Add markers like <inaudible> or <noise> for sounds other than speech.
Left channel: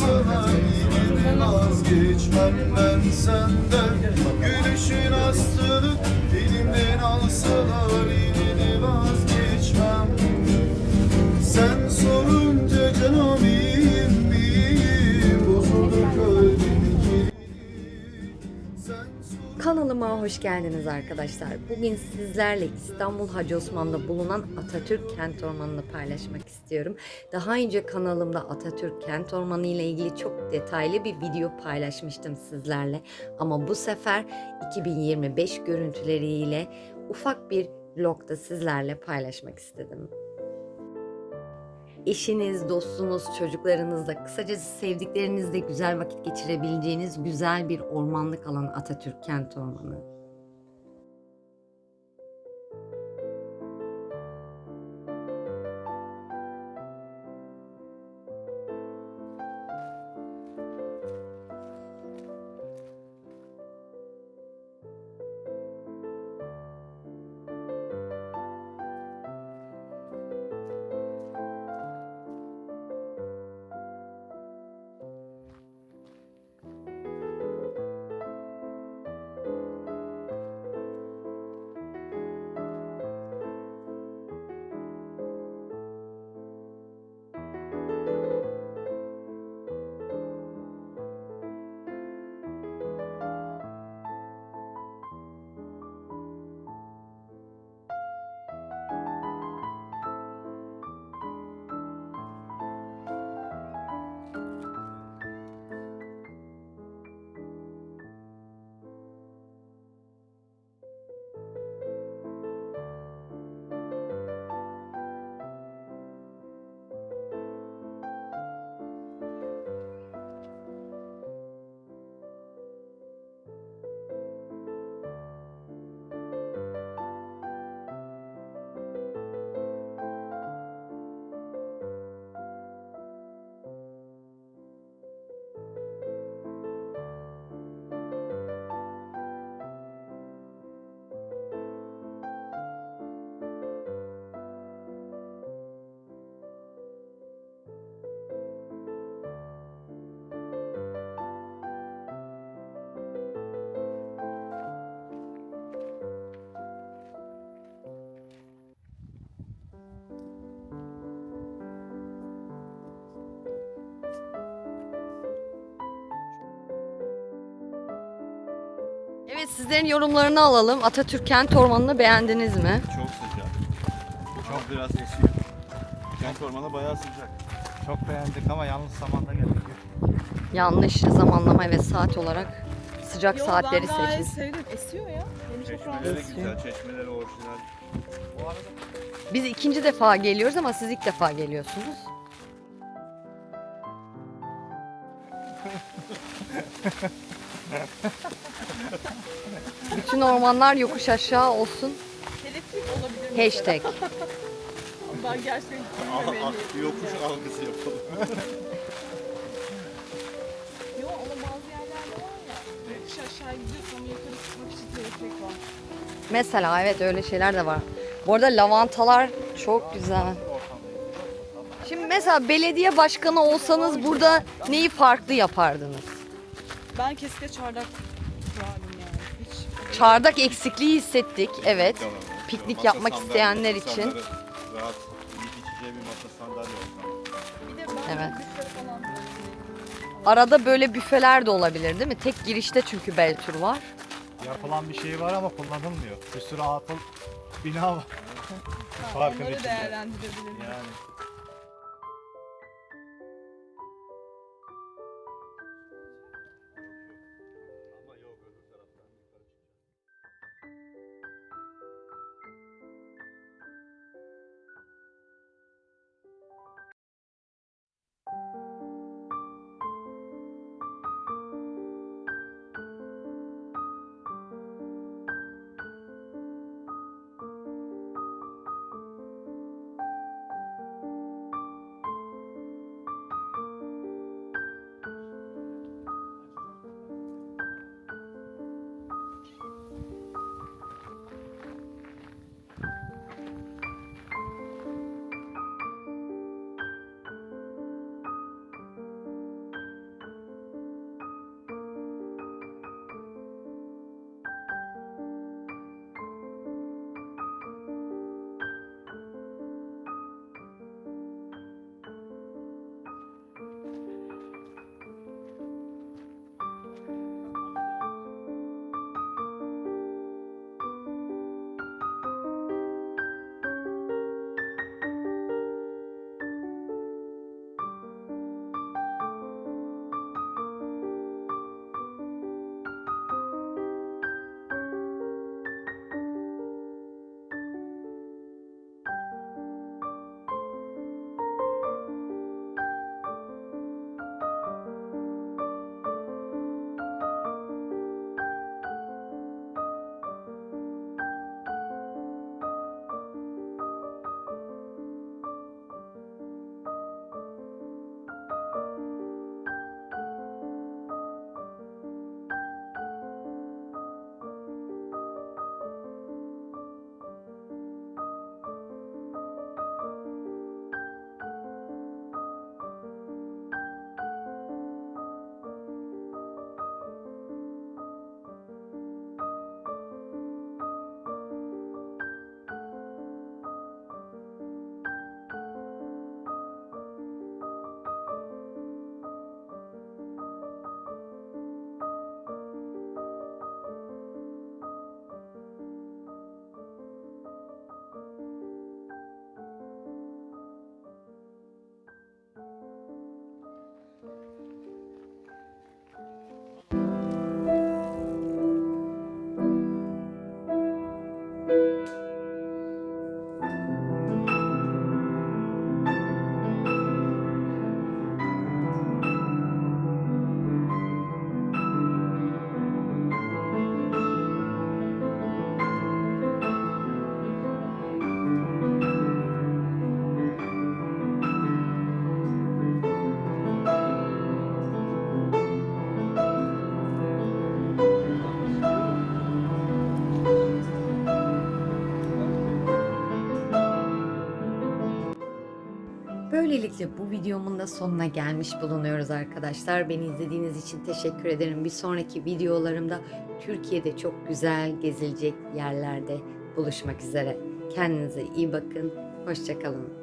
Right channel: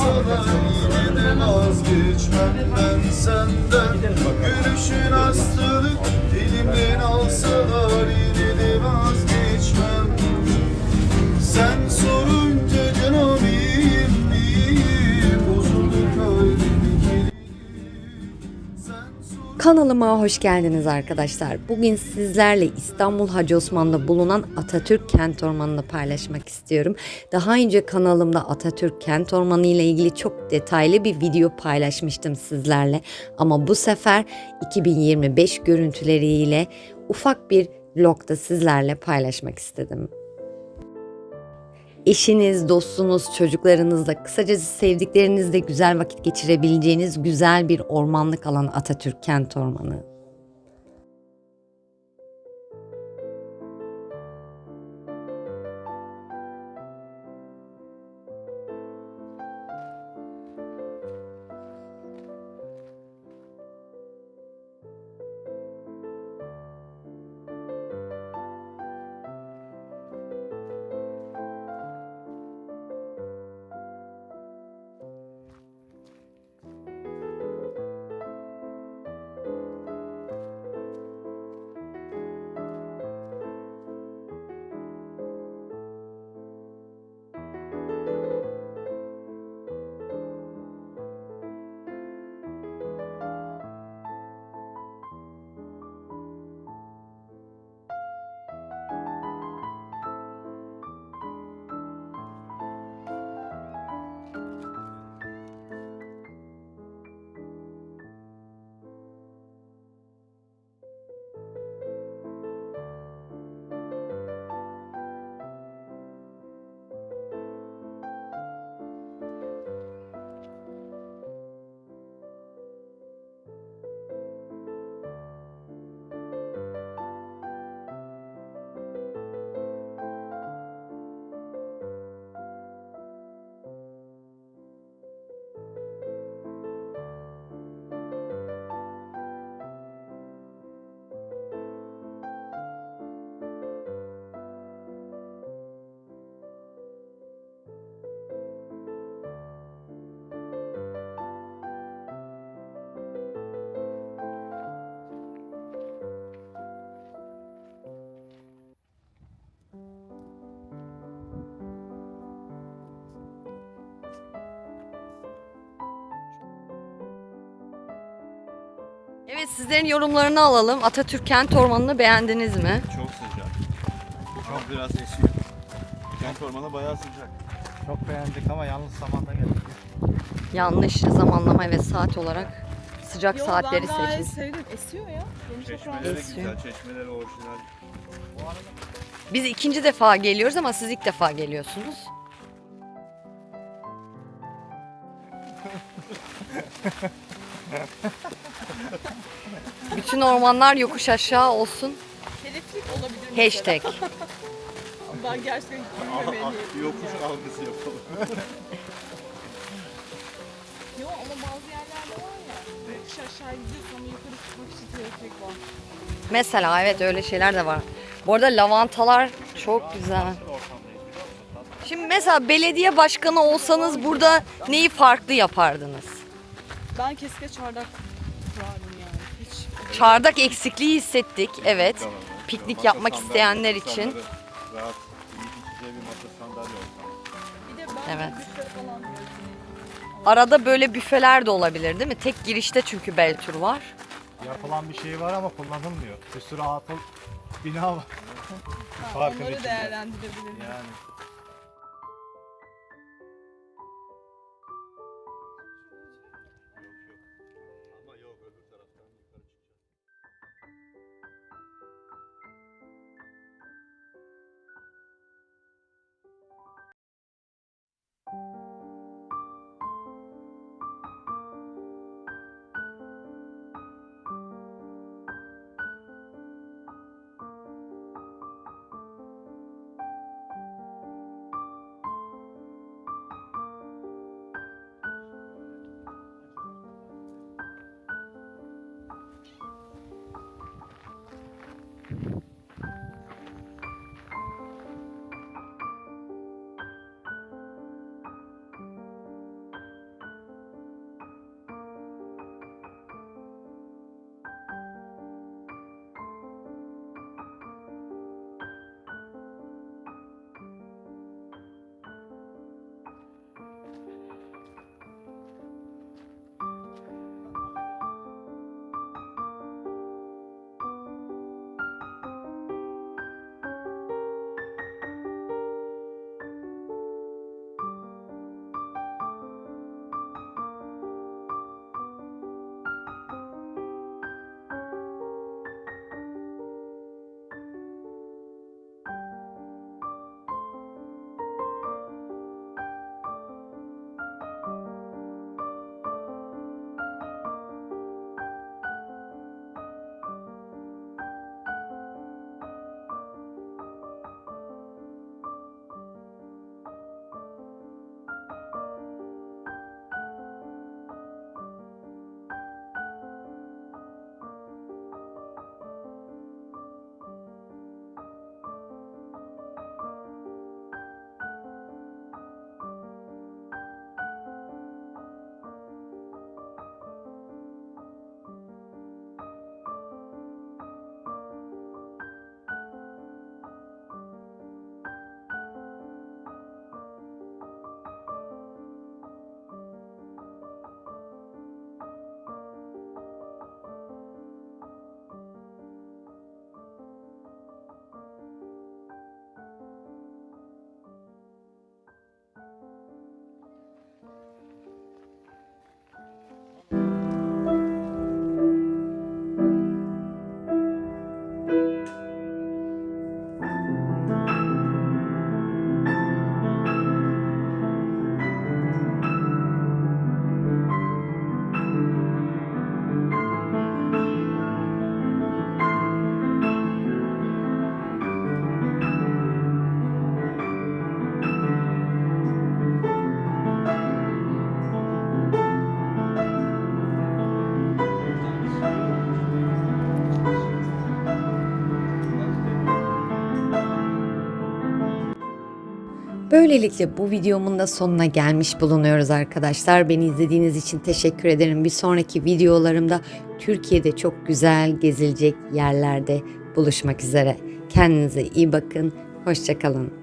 sana yine de vazgeçmem ben senden. Kanalıma hoş geldiniz arkadaşlar. Bugün sizlerle İstanbul Hacı Osman'da bulunan Atatürk Kent Ormanı'nı paylaşmak istiyorum. Daha önce kanalımda Atatürk Kent Ormanı ile ilgili çok detaylı bir video paylaşmıştım sizlerle. Ama bu sefer 2025 görüntüleriyle ufak bir vlogda sizlerle paylaşmak istedim. Eşiniz, dostunuz, çocuklarınızla, kısacası sevdiklerinizle güzel vakit geçirebileceğiniz güzel bir ormanlık alan Atatürk Kent Ormanı. Evet sizlerin yorumlarını alalım. Atatürk Kent Ormanı'nı beğendiniz mi? Çok sıcak Çok biraz esiyor Kent ormanı bayağı sıcak Çok beğendik ama yanlış zamanda geldik. Yanlış zamanlama ve saat olarak sıcak Yo, saatleri ben gayet seçin. sevdim. Esiyor ya. Rahatsız Çeşmeleri de Esiyor. güzel çeşmeleri orijinal Bu arada Biz ikinci defa geliyoruz ama siz ilk defa geliyorsunuz. <laughs> Bütün ormanlar yokuş aşağı olsun. Elektrik olabilir. mesela. Hashtag. Ben gerçekten bilmemeliyim. Yokuş algısı yapalım Yo ama bazı yerlerde var ya. Yokuş aşağı gidiyorsun ama yukarı çıkmak için teleferik var. Mesela evet öyle şeyler de var. Bu arada lavantalar çok güzel. Şimdi mesela belediye başkanı olsanız burada neyi farklı yapardınız? Ben kesinlikle çardak kurardım yani. Hiç. Çardak eksikliği hissettik. Evet. Tamam. Piknik Masa yapmak sandalye, isteyenler için. Rahat içeceği bir masa sandalye Bir de ben Evet. büfe falan böyle. Arada böyle büfeler de olabilir değil mi? Tek girişte çünkü Beltür var. yapılan bir şey var ama kullanılmıyor. Bir sürü atıl bina var. Ha, onları içinde. değerlendirebilirim. Yani Böylelikle bu videomun da sonuna gelmiş bulunuyoruz arkadaşlar. Beni izlediğiniz için teşekkür ederim. Bir sonraki videolarımda Türkiye'de çok güzel gezilecek yerlerde buluşmak üzere. Kendinize iyi bakın. Hoşçakalın.